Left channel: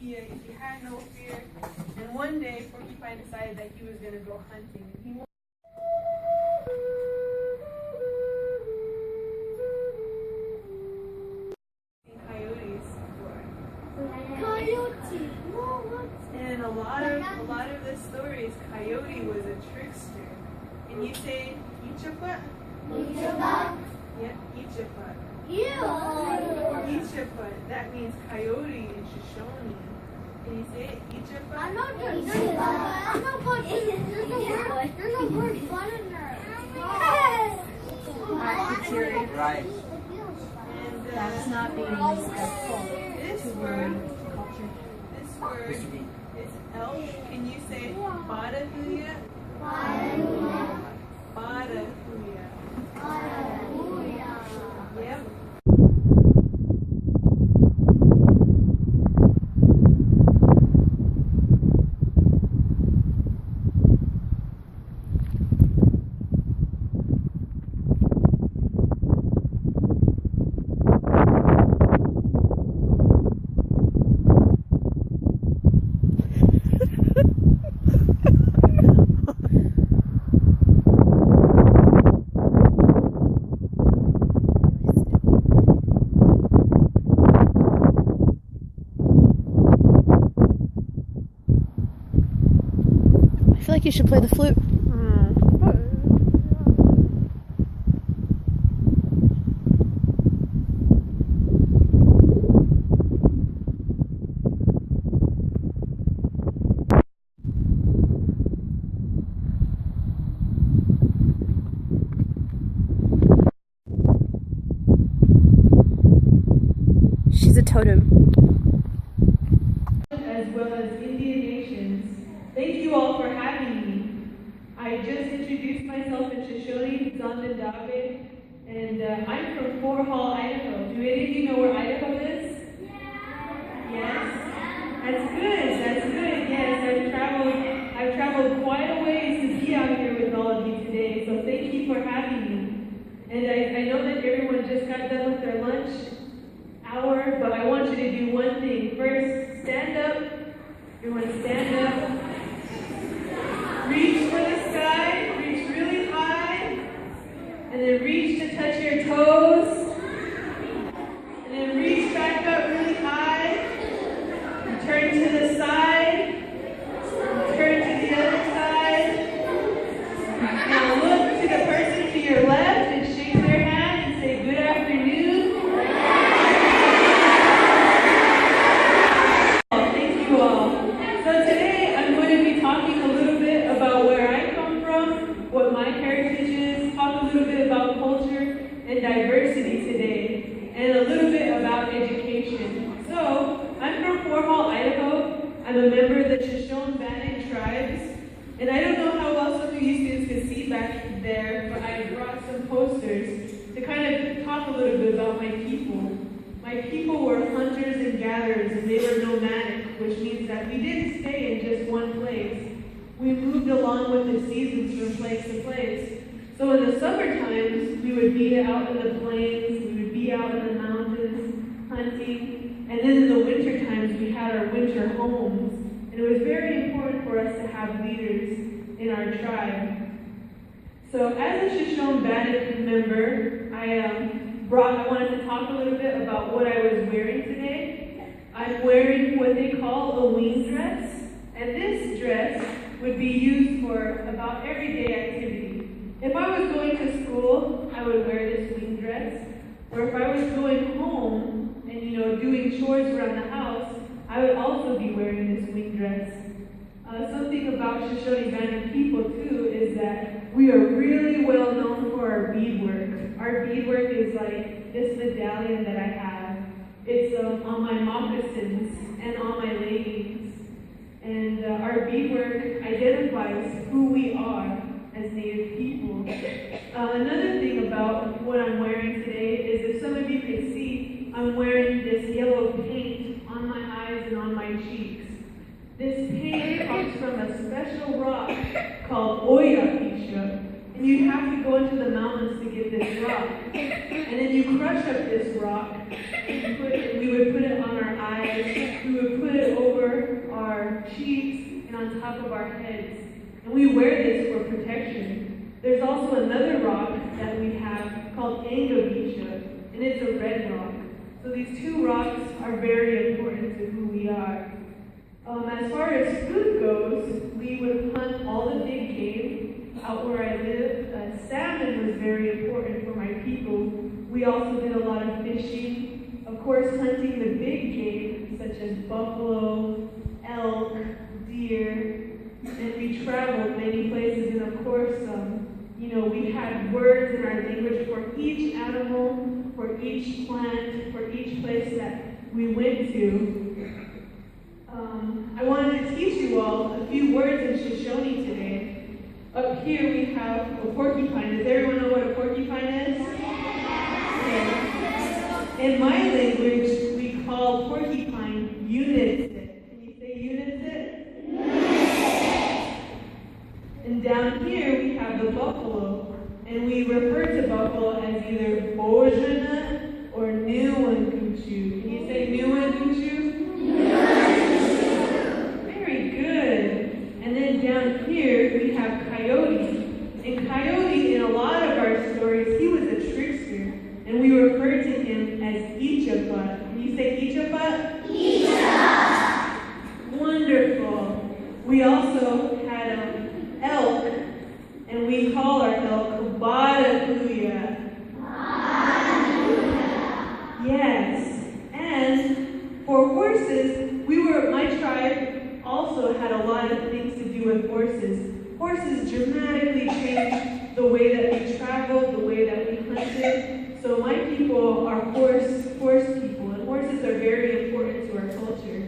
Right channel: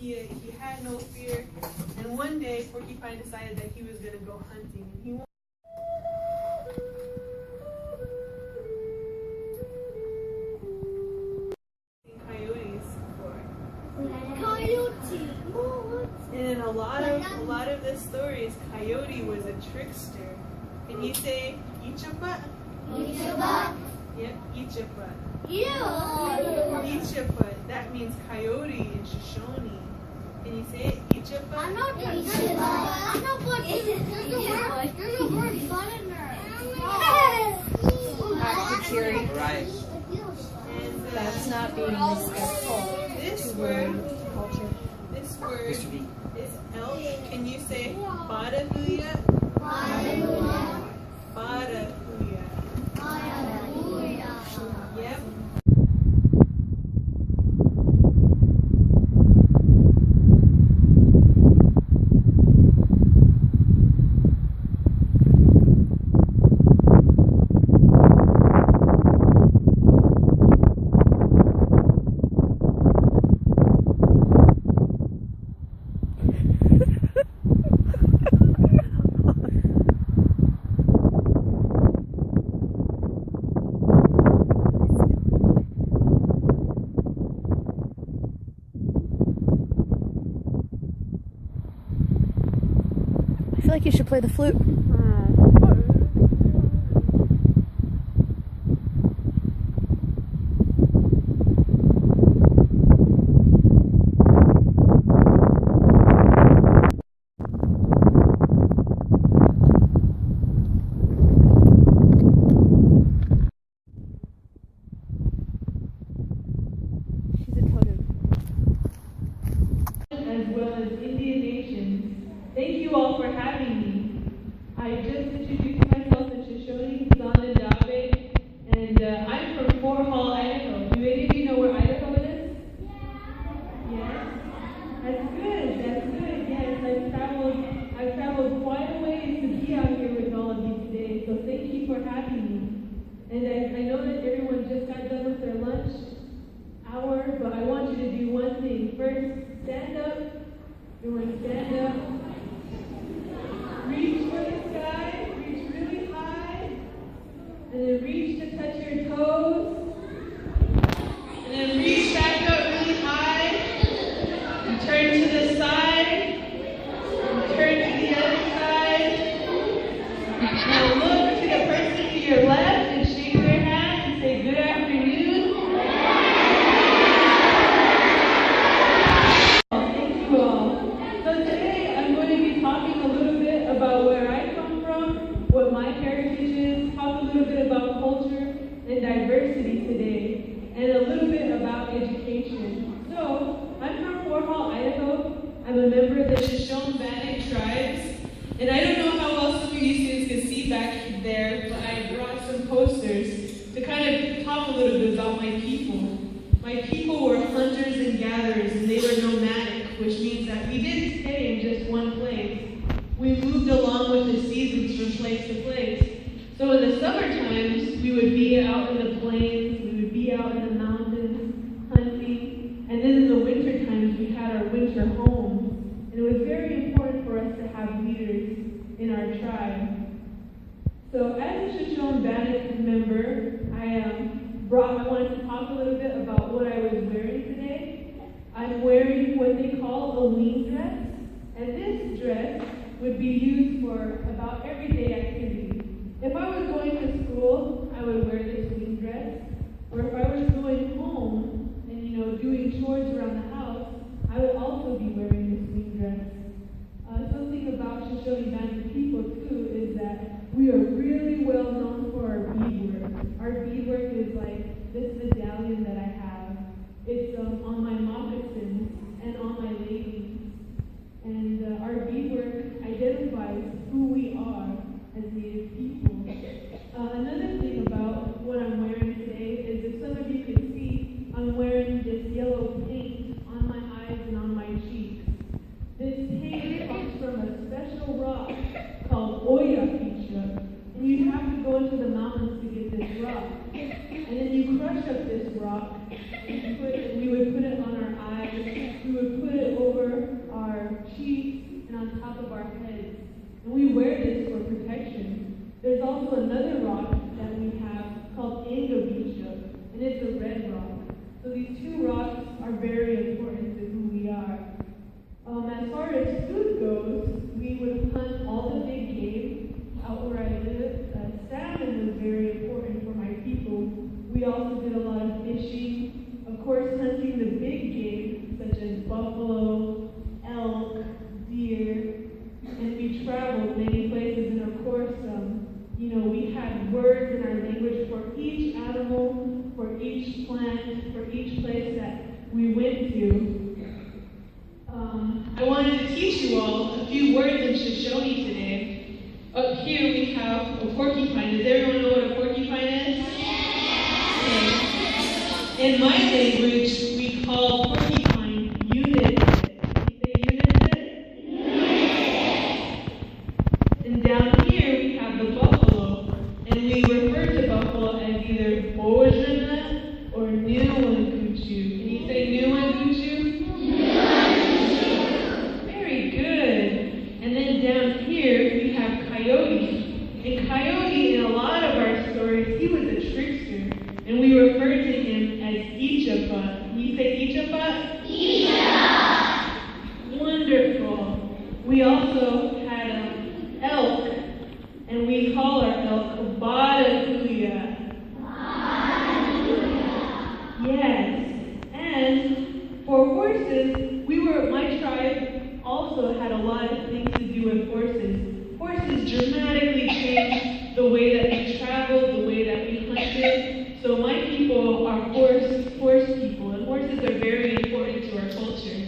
He had no fear. And one day, Porcupine decided that he was going to go hunting. And he coyotes before. Coyote. And a lot of the stories, Coyote was a trickster. Can you say eat your butt? Eat your butt. Yep, eat your butt. Ew. Eat your butt. That means coyote in Shoshone. Can you say it? Eat your butt. I'm not doing it. I'm not going to eat it. There's a word butt in there. Right. And That's not being respectful. This word is elk. Can you say Badahuya? Badahuya. Yep. I feel like you should play the flute. She's a totem. As well as Indian nations. Thank you all for having me. I just introduced myself in Shoshone, Zondandabe, and I'm from Fort Hall, Idaho. Do any of you know where Idaho is? Yes? That's good, that's good. Yes, I've traveled quite a ways to be out here with all of you today, so thank you for having me. And I know that everyone just got done with their lunch hour, but I want you to do one thing. First, stand up. Everyone stand up. Reach for the sky. Reach really high. And then reach to touch your toes. And then reach back up really high. And turn to the side. And turn to the other side. Now look to the person to your left and shake their hand and say good afternoon. What my heritage is, talk a little bit about culture and diversity today, and a little bit about education. So, I'm from Fort Hall, Idaho. I'm a member of the Shoshone-Bannock tribes, and I don't know how well some of you students can see back there, but I brought some posters to kind of talk a little bit about my people. My people were hunters and gatherers, and they were nomadic, which means that we didn't stay in just one place. We moved along with the seasons from place to place. So in the summer times, we would be out in the plains, we would be out in the mountains hunting, and then in the winter times, we had our winter homes. And it was very important for us to have leaders in our tribe. So as a Shoshone-Bannock member, I wanted to talk a little bit about what I was wearing today. I'm wearing what they call a wing dress, and this dress would be used for about everyday activity. If I was going to school, I would wear this wing dress. Or if I was going home and doing chores around the house, I would also be wearing this wing dress. Something about Shoshone-Bannock people too is that we are really well known for our beadwork. Our beadwork is like this medallion that I have. It's on my moccasins and on my leggings. And our beadwork identifies who we are as Native people. Another thing about what I'm wearing today is, if some of you can see, I'm wearing this yellow paint on my eyes and on my cheeks. This paint comes from a special rock called Oyapisha. And you'd have to go into the mountains to get this rock. And then you crush up this rock, and we would put it on our eyes on top of our heads. And we wear this for protection. There's also another rock that we have called Engabicha, and it's a red rock. So these two rocks are very important to who we are. As far as food goes, we would hunt all the big game out where I live. Salmon was very important for my people. We also did a lot of fishing. Of course, hunting the big game, such as buffalo, elk, deer, and we traveled many places. And of course, we had words in our language for each animal, for each plant, for each place that we went to. I wanted to teach you all a few words in Shoshone today. Up here we have a porcupine. Does everyone know what a porcupine is? Okay. In my language, we call porcupine unit. Can you say unit? And down here we have the buffalo, and we refer to buffalo as either Bojana or Nuwanguchu. Can you say Nuwanguchu? Very good. And then down here we have Coyote. And Coyote, in a lot of our stories, he was a trickster, and we refer to him as Ichapa. Can you say Ichapa? Ichapa. Wonderful. We also had elk, and we call our elk Barakuya. Yes. And for horses, my tribe also had a lot of things to do with horses. Horses dramatically changed the way that we traveled, the way that we hunted. So my people are horse people, and horses are very important to our culture.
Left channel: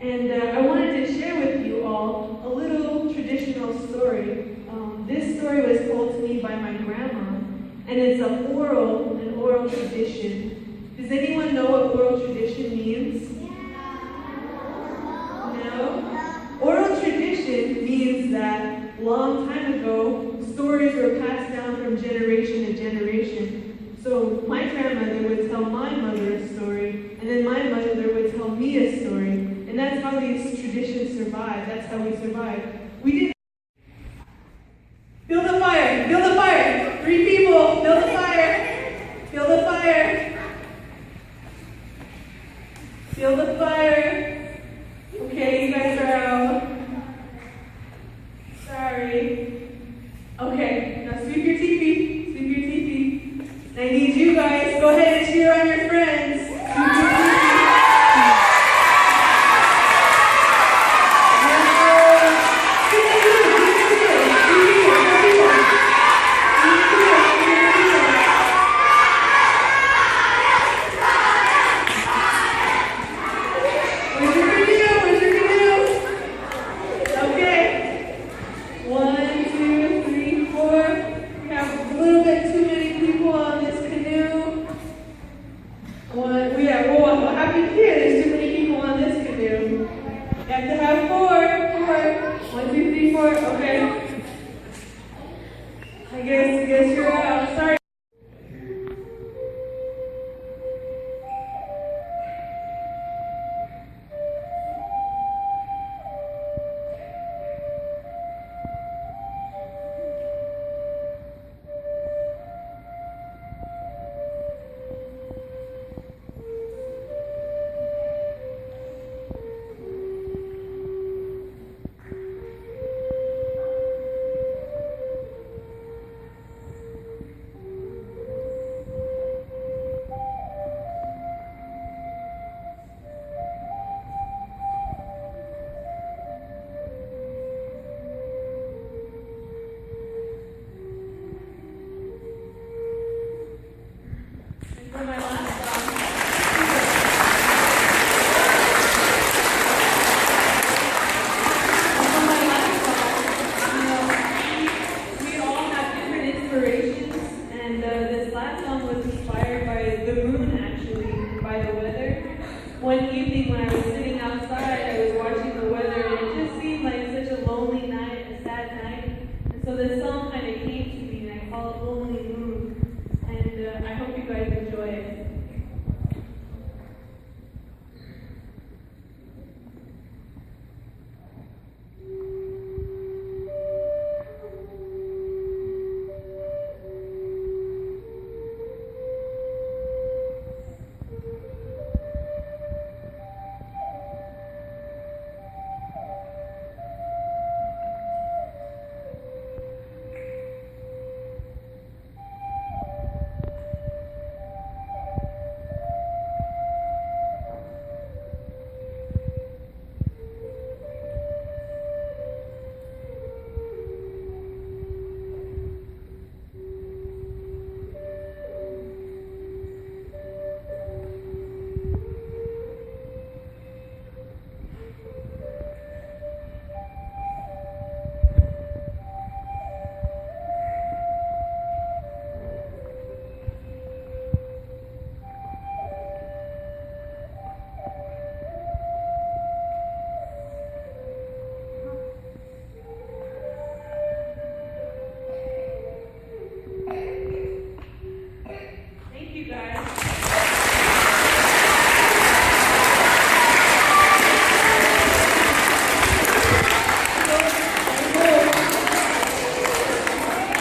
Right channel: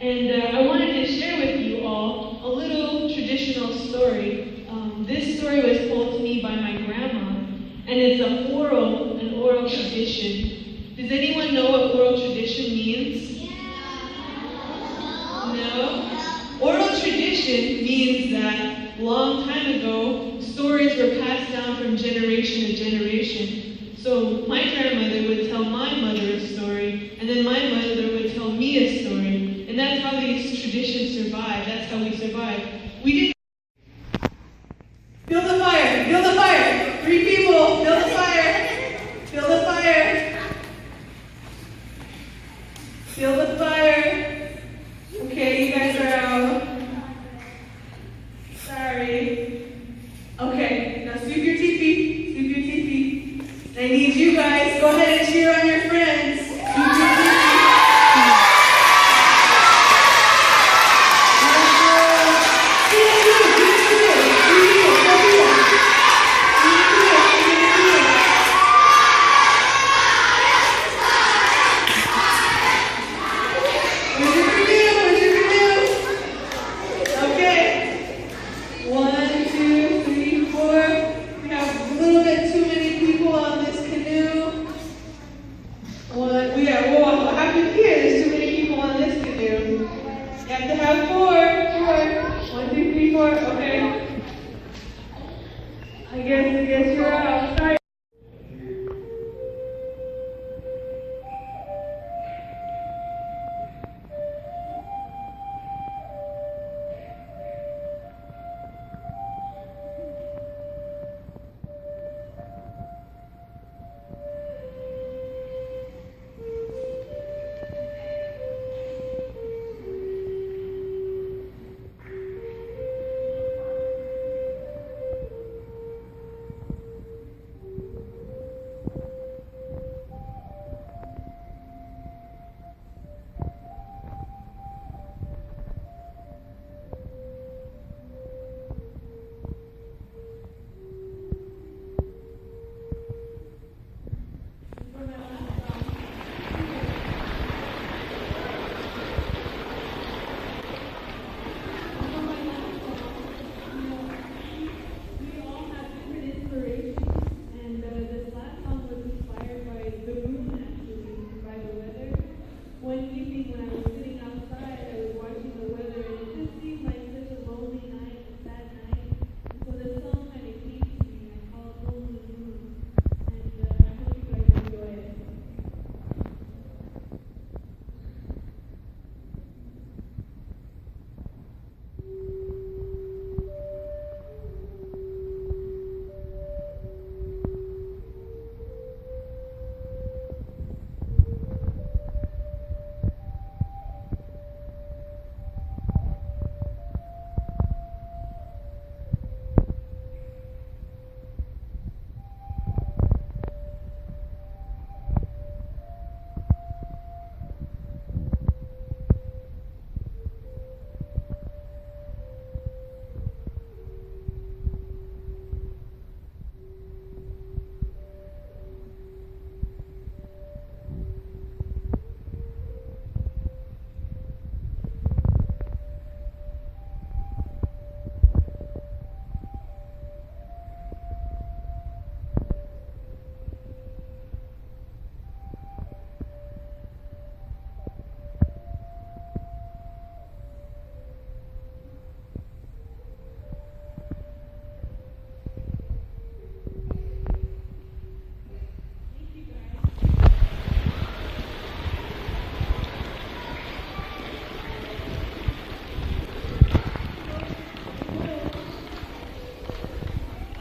And I wanted to share with you all a little traditional story. This story was told to me by my grandma, and it's an oral tradition. Does anyone know what oral tradition means? No? Oral tradition means that long time ago, stories were passed down from generation to generation. So my grandmother would tell my mother a story, and then my mother would tell me a story. And that's how these traditions survive. That's how we survive. We didn't build a fire, build a fire. 3 people, build a fire, build a fire, build a fire. Okay, you guys are out. Sorry. Okay, now sweep your teepee, sweep your teepee. I need you guys, go ahead and cheer on your